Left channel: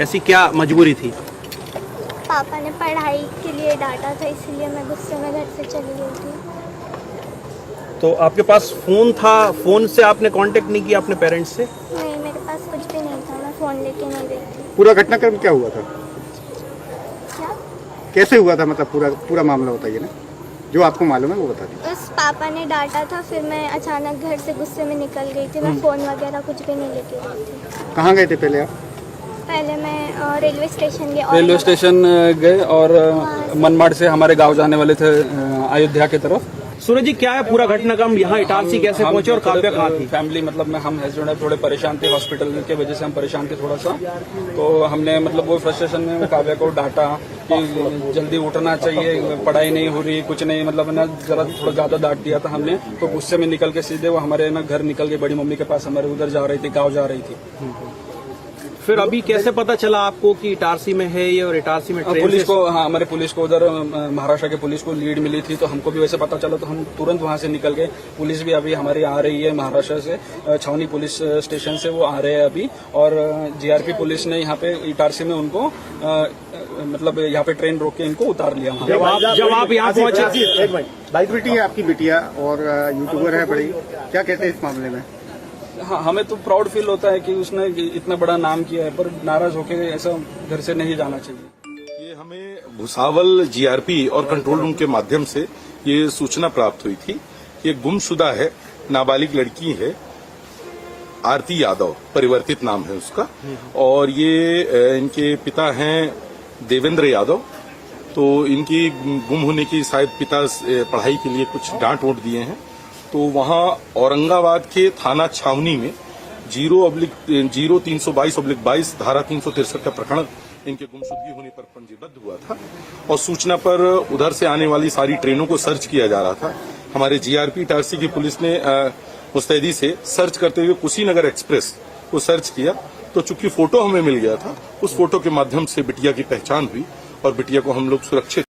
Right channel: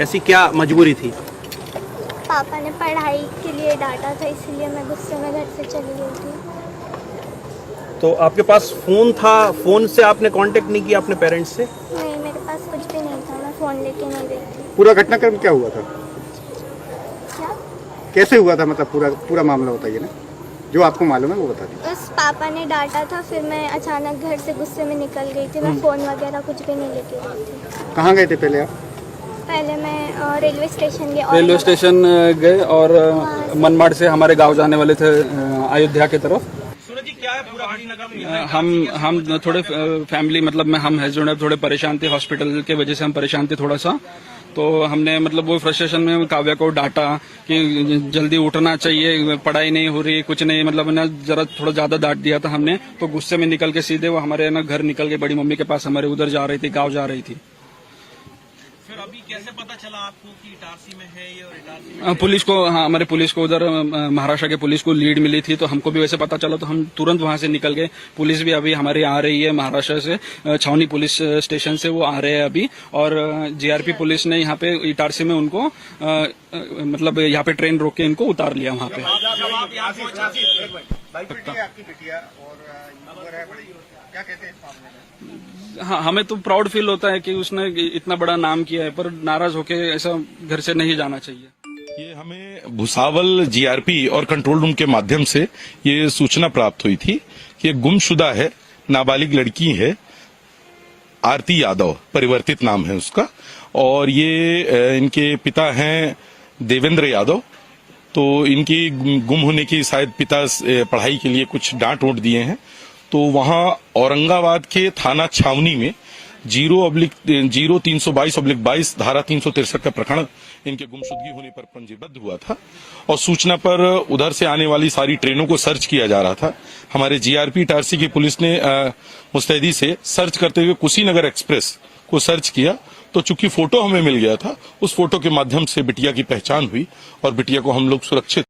ऐसी क्या मजबूरी थी? पापा ने पढ़ाई के लिए डांटा था, इसलिए मैं गुस्से में घर से चली गई थी। तो आपके पास फोन था, फोन से आपने कांटेक्ट नहीं किया अपने पेरेंट्स से? नहीं, मेरे पास कुछ भी नहीं था, मैं फ़ोन लेके नहीं गई थी। पूरा घटनाक्रम क्या हुआ था? क्या? कैसे हुआ था, मतलब पूरा मामला बताइए ना, जो आपको मालूम है वो बता दीजिए। बस पापा ने डांटा था, फिर मैं अचानक घर से गुस्से में निकल गई थी। मैं फ़ोन वगैरह कुछ भी नहीं लेके गई थी। कहाँ गए थे पहले आप? पहले मैं रेलवे स्टेशन गई। रेलवे स्टेशन गए और मनमाड़ से हमारे गांव जाने वाले थे अयोध्या की तरफ। सूरज जी, क्या है पूरा घटनाक्रम? यहाँ इटारसी कैसे हम पहुंचे और थोड़े कहाँ पे कहाँ थी? फैमिली मतलब में हम है जो है थोड़े परेशान थे, हॉस्पिटल की वजह से हम परेशान थे थोड़ा सा। तो हमने मतलब वो फ्रस्ट्रेशन में काव्या को डांटा कि जल्दी उठना चाहिए, पढ़ाई नहीं हो रही, कुछ नहीं, मतलब ना जरा थोड़ा ज्यादा डांट दिया था हमने। तो गुस्से में निकल के सीधे वो हमारे ना घर निकल के बड़ी मम्मी के पास हमारे उधर जा रही थी, गाँव जा रही थी। फिर अभी कैसे पता चला आपको कि इटारसी में है ये और इटारसी में ट्रेन पुलिस से- को, हाँ, हमारे पुलिस को उधर महाराष्ट्र के पुलिस को लीड मिली थी, तो हमको भी वैसे पता चला, तो हम तुरंत वहां से निकल गए। पुलिस भी अभी हमारे आ रही है महाराष्ट्र से, छावनी पुलिस स्टेशन से वो आ रहे हैं अभी। और जीआरपी पुलिस ने यहाँ पे इटारसी में उनको मतलब यहाँ पे ट्रेन रोक के इनको उतार लिया वहाँ पे। जब आप यहाँ पहुंचे, बाइक बेटी है आपकी बिटिया और यूट्यूबर है बड़ी, क्या कहते हैं इस मामले में? हाँ, हमें तो प्राउड फील होता है कि उसने इतना बड़ा नाम किया है, पर नाराज होके ऐसा घर से नहीं जाना चाहिए। ये हमें भुसावल जीआरपी और कंट्रोल रूम के माध्यम से ये सूचना प्राप्त हुई थी कि गुमशुदा है, नाबालिग लड़की है, आरती यादव परिवर्तित नाम है उसका, और ये इनके पिता हैं देवेंद्र यादव। तो इनकी गुम होने की शायद पिता पढ़ाई के लिए कुछ डांट वोट दिए हैं, तो वहां औरंगाबाद के थाना छावनी में 0/322/22 धारा 363 का प्रकरण इनके गुमशुदगी होने पर पंजीबद्ध हुआ था। और सूचना पर उधर से आने वाली सारी ट्रेनों को सर्च किया जा रहा था। हमारे जीआरपी इटारसी की पुलिस ने मुस्तैदी से सर्च करते हुए कुशीनगर एक्सप्रेस को सर्च किया, तो चूंकि फोटो हमें मिल गया था, उस फोटो के माध्यम से बिटिया की पहचान हुई और बिटिया को हम लोग सुरक्षित